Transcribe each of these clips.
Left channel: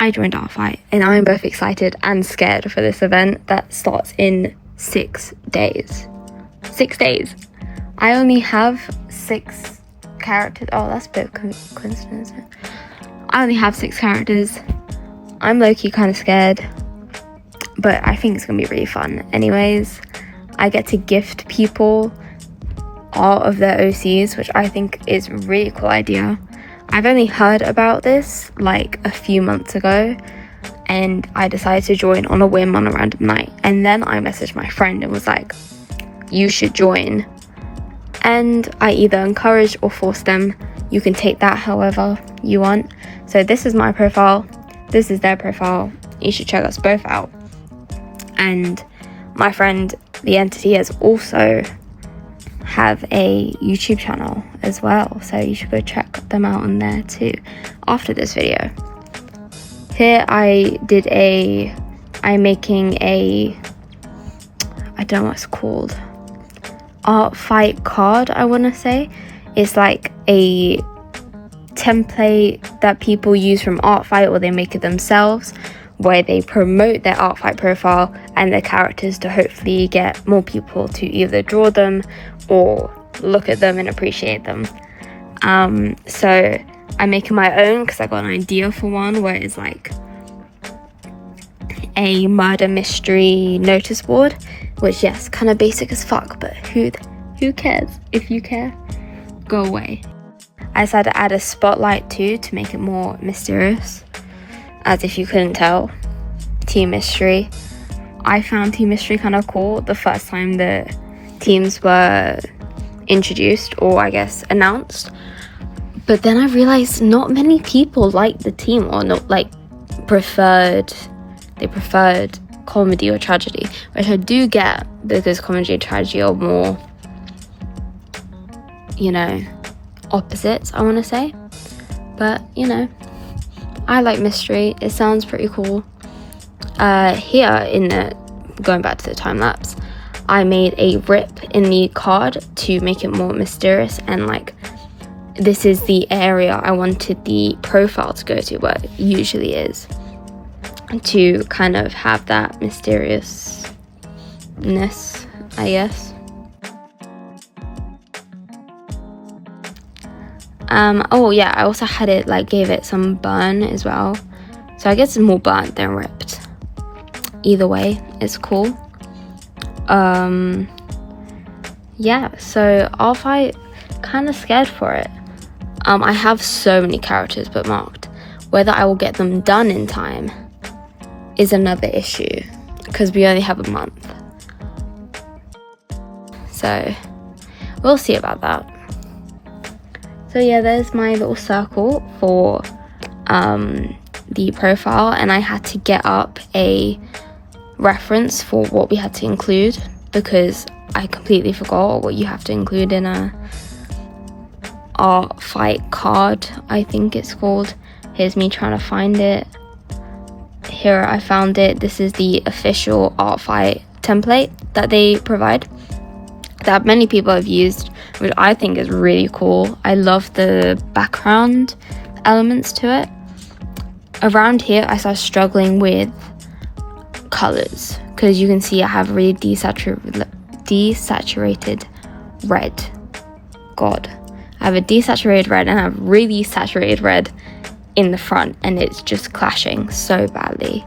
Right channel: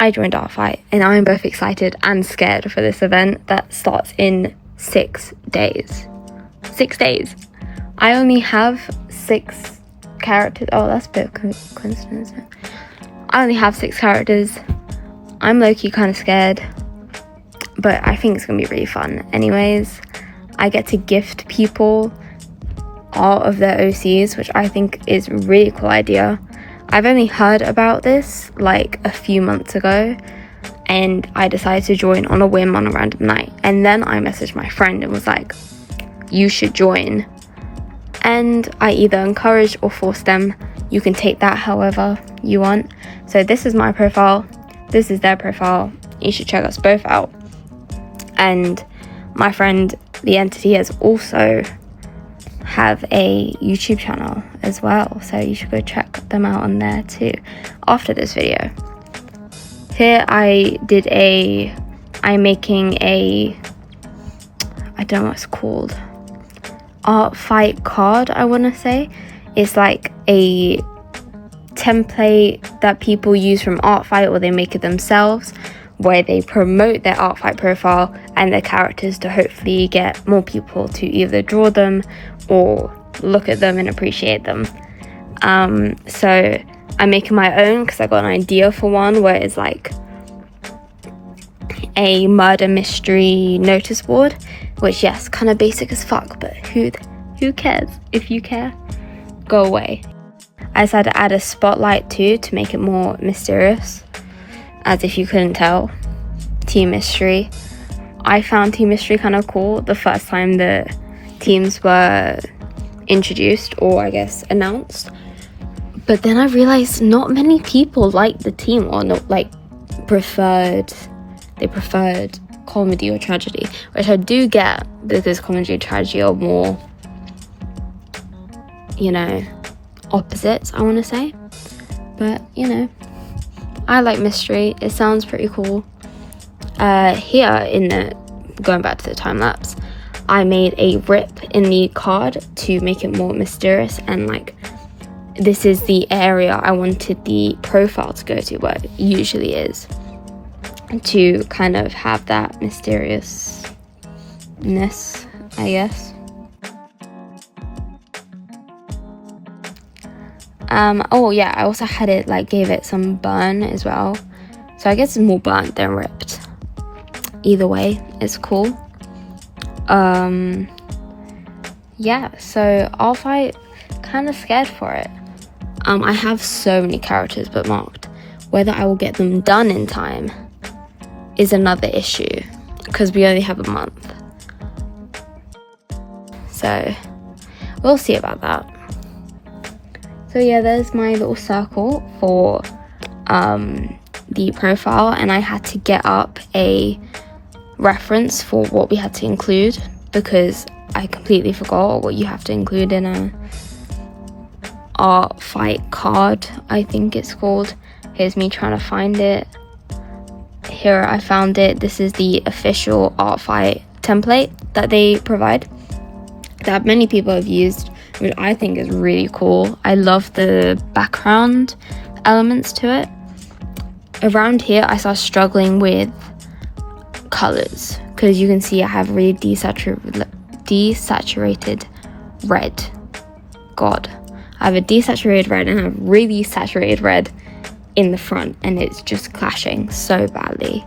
I joined Artfight, and I'm both excited and scared for this event that starts in 6 days. 6 days. I only have 6 characters. Oh, that's a bit coincidence. I only have 6 characters. I'm low-key kind of scared, but I think it's gonna be really fun. Anyways, I get to gift people art of their OCs, which I think is a really cool idea. I've only heard about this like a few months ago, and I decided to join on a whim on a random night. And then I messaged my friend and was like, you should join. And I either encouraged or forced them. You can take that however you want. So this is my profile, this is their profile. You should check us both out. And my friend, the entity, has also have a YouTube channel as well, so you should go check them out on there too after this video. Here I'm making a, I don't know what it's called, Artfight card, I want to say. It's like a template that people use from Artfight, or they make it themselves, where they promote their Artfight profile and their characters to hopefully get more people to either draw them or look at them and appreciate them. So I'm making my own because I got an idea for one where it's like a murder mystery notice board, which, yes, kind of basic as fuck, but who cares? If you care, go away. I decided to add a spotlight too to make it more mysterious, as if you couldn't tell. Team Mystery. I found Team Mystery kind of cool the first time the teams were introduced, or I guess announced, but then I realized not many people liked the team, or not like preferred comedy or tragedy, which I do get, because comedy and tragedy are more, you know, opposites, I want to say. But you know, I like mystery, it sounds pretty cool. Here in the, going back to the time lapse, I made a rip in the card to make it more mysterious, and like, this is the area I wanted the profile to go to, where it usually is, to kind of have that mysteriousness, I guess. Oh yeah, I also had it, like, gave it some burn as well, so I guess it's more burnt than ripped. Either way, it's cool. Yeah, so Artfight, kind of scared for it. I have so many characters bookmarked. Whether I will get them done in time is another issue, because we only have a month. So we'll see about that. So yeah, there's my little circle for the profile, and I had to get up a reference for what we had to include, because I completely forgot what you have to include in a Artfight card, I think it's called. Here's me trying to find it. Here, I found it. This is the official Artfight template that they provide, that many people have used, which I think is really cool. I love the background elements to it. Around here, I started struggling with colors, because you can see I have really desaturated red. God, I have a desaturated red and I have really saturated red in the front, and it's just clashing so badly.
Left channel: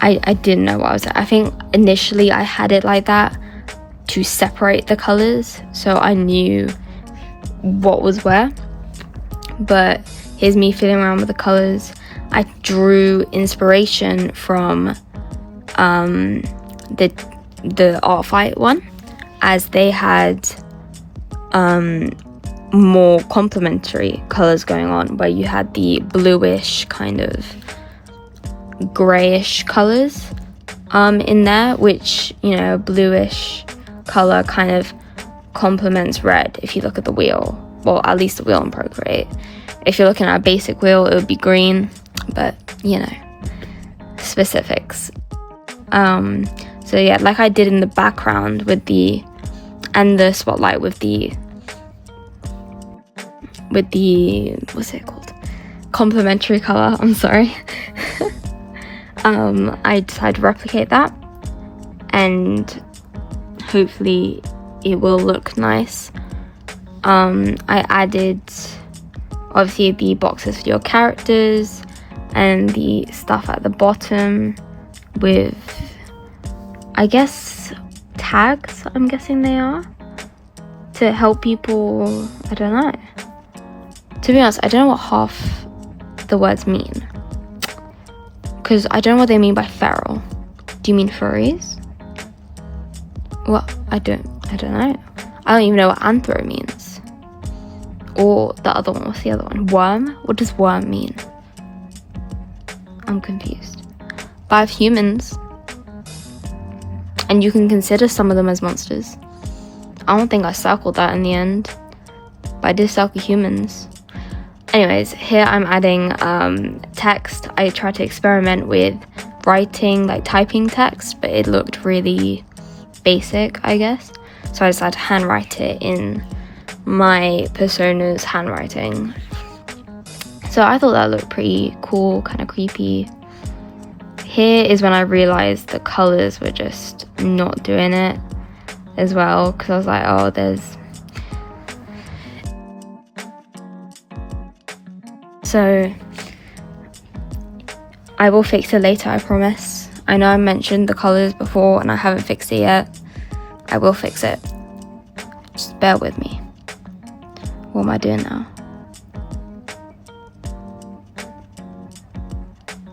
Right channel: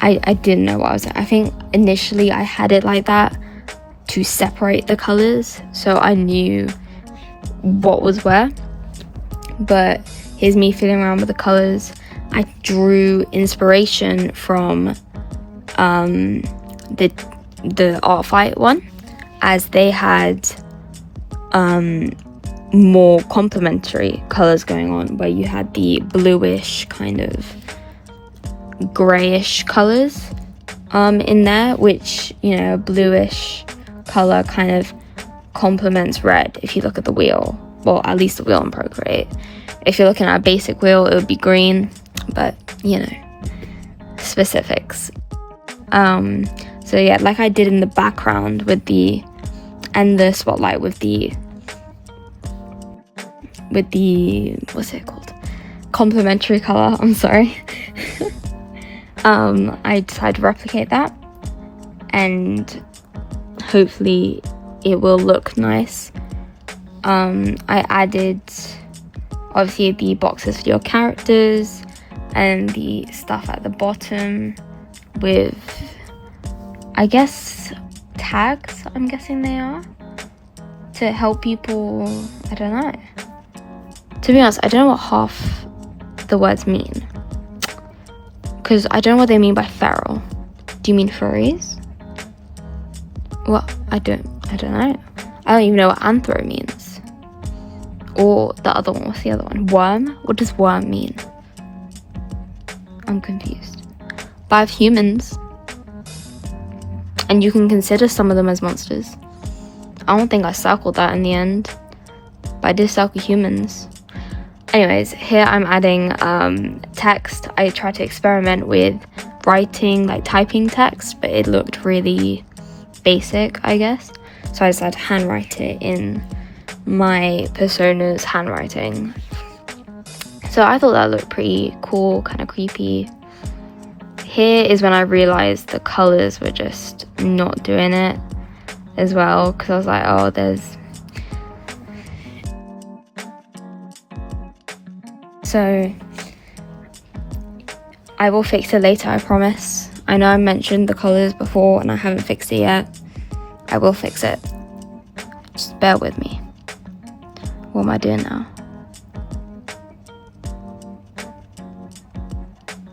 I didn't know what I was at. I think initially I had it like that to separate the colors, so I knew what was where. But here's me fiddling around with the colors. I drew inspiration from the Artfight one, as they had more complementary colors going on, where you had the bluish kind of grayish colors in there, which, you know, bluish color kind of complements red if you look at the wheel, well, at least the wheel in Procreate. If you're looking at a basic wheel, it would be green, but you know, specifics. So yeah, like I did in the background with the, and the spotlight with the what's it called, complementary color, I'm sorry. I decided to replicate that, and hopefully it will look nice. I added obviously the boxes for your characters and the stuff at the bottom with, I guess, tags, I'm guessing they are, to help people. I don't know. To be honest, I don't know what half the words mean, because I don't know what they mean by feral. Do you mean furries? Well, I don't know. I don't even know what anthro means. Or the other one, what's the other one? Worm? What does worm mean? I'm confused. But I have humans, and you can consider some of them as monsters. I don't think I circled that in the end, but I did circle humans. Anyways, here I'm adding text. I tried to experiment with writing, like typing text, but it looked really basic, I guess. So I decided to handwrite it in my persona's handwriting. So I thought that looked pretty cool, kind of creepy. Here is when I realized the colors were just not doing it as well, because I was like, oh, there's... So I will fix it later, I promise. I know I mentioned the colors before and I haven't fixed it yet. I will fix it. Just bear with me. What am I doing now?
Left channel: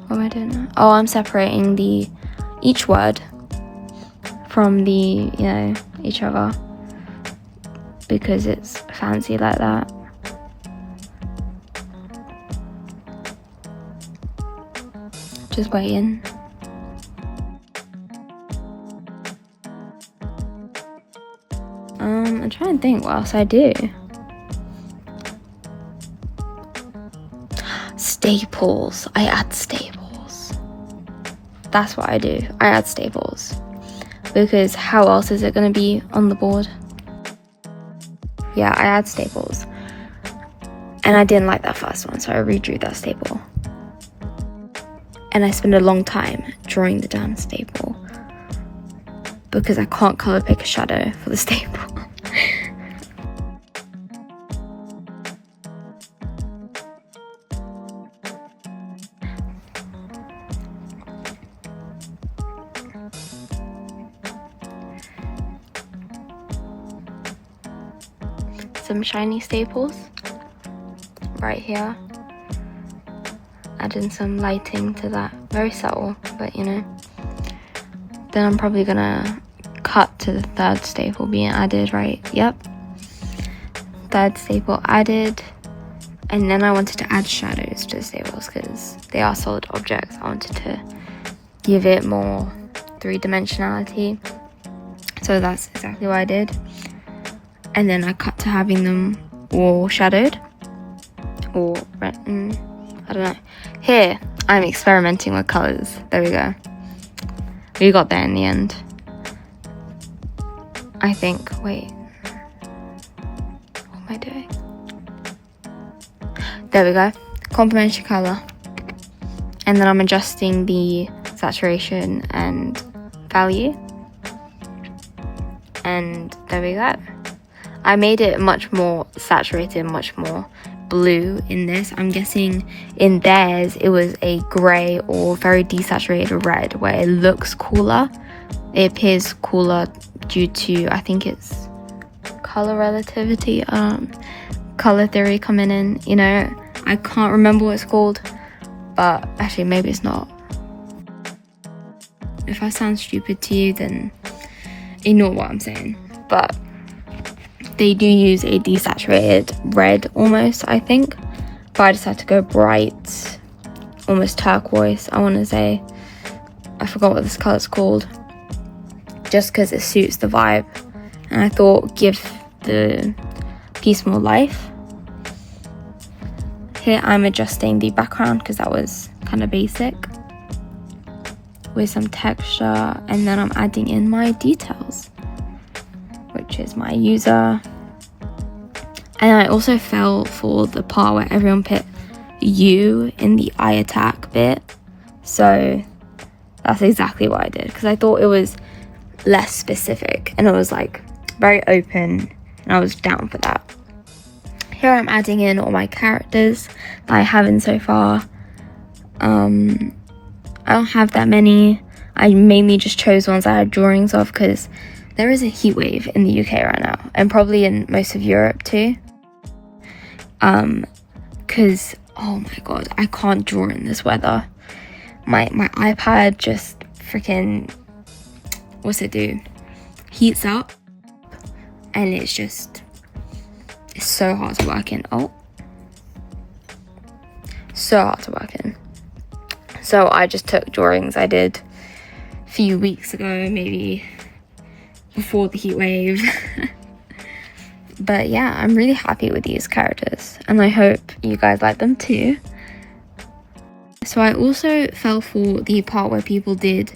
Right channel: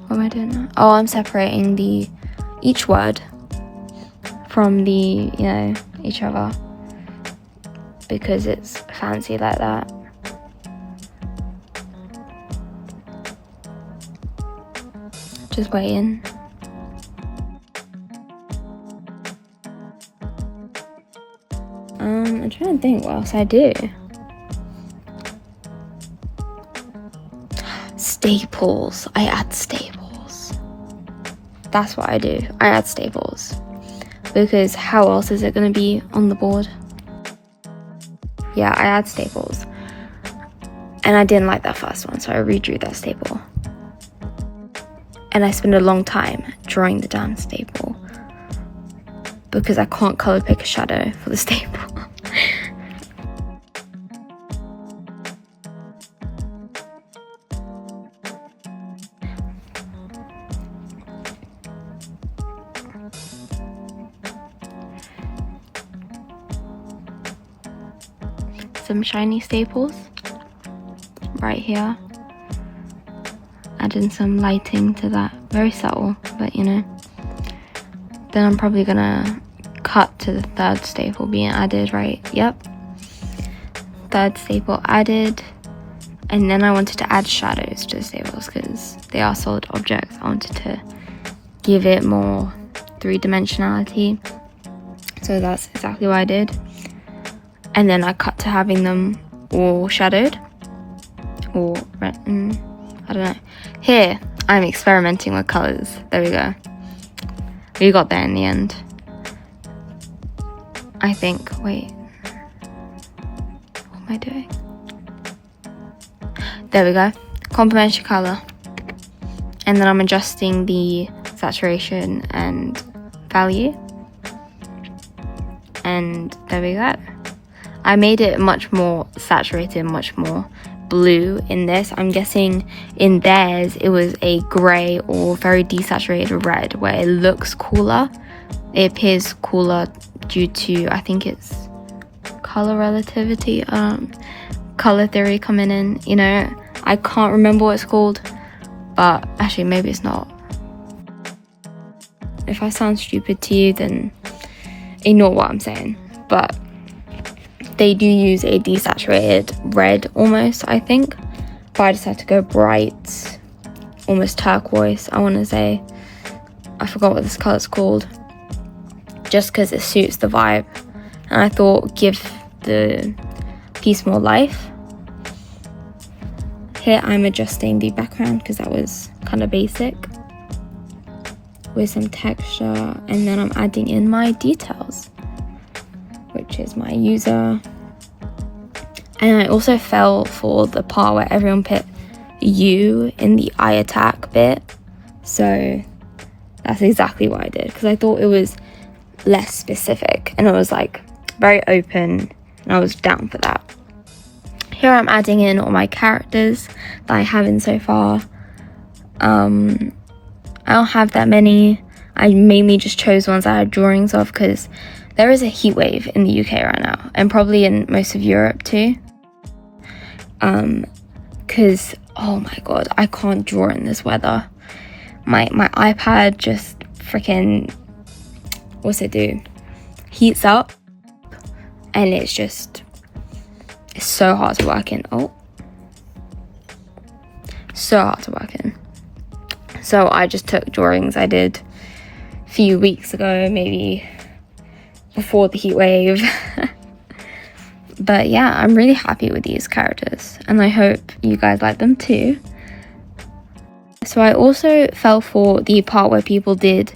What am I doing now? Oh, I'm separating each word from each other, because it's fancy like that. Just waiting. I'm trying to think what else I do. Staples. I add staples. That's what I do. I add staples. Because how else is it going to be on the board? Yeah, I add staples. And I didn't like that first one, so I redrew that staple. And I spent a long time drawing the damn staple, because I can't colour pick a shadow for the staple. Some shiny staples right here. Adding some lighting to that. Very subtle, but you know. Then I'm probably gonna cut to the third staple being added, right? Yep. Third staple added. And then I wanted to add shadows to the staples because they are solid objects. I wanted to give it more three-dimensionality. So that's exactly what I did. And then I cut to having them all shadowed. Or red. I don't know. Here, I'm experimenting with colours. There we go. We got there in the end. I think. Wait. What do I do? There we go. Complementary colour. And then I'm adjusting the saturation and value. And there we go. I made it much more saturated, much more blue in this. I'm guessing in theirs it was a grey or very desaturated red, where it looks cooler. It appears cooler due to, I think it's colour relativity, colour theory coming in, you know. I can't remember what it's called, but actually maybe it's not. If I sound stupid to you, then ignore what I'm saying. But they do use a desaturated red almost, I think. But I decided to go bright, almost turquoise, I want to say. I forgot what this colour's called. Just because it suits the vibe. And I thought give the piece more life. Here I'm adjusting the background because that was kind of basic. With some texture. And then I'm adding in my details, which is my user. And I also fell for the part where everyone put U in the eye attack bit, So that's exactly what I did, because I thought it was less specific and it was like very open, and I was down for that. Here I'm adding in all my characters that I have in so far. I don't have that many. I mainly just chose ones I had drawings of, because there is a heat wave in the UK right now, and probably in most of Europe too. Because oh my god, I can't draw in this weather. My iPad just freaking, what's it do? Heats up, and it's so hard to work in. So hard to work in. So I just took drawings I did a few weeks ago, maybe before the heat wave. But yeah, I'm really happy with these characters, and I hope you guys like them too. So I also fell for the part where people did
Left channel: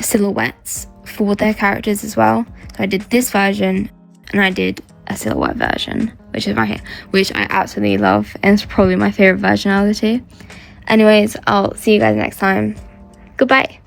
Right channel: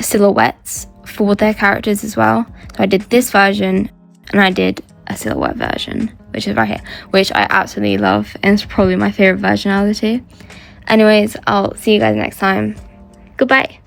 silhouettes for their characters as well. So I did this version, and I did a silhouette version, which is right here, which I absolutely love, and it's probably my favorite version out of the two. Anyways, I'll see you guys next time. Goodbye.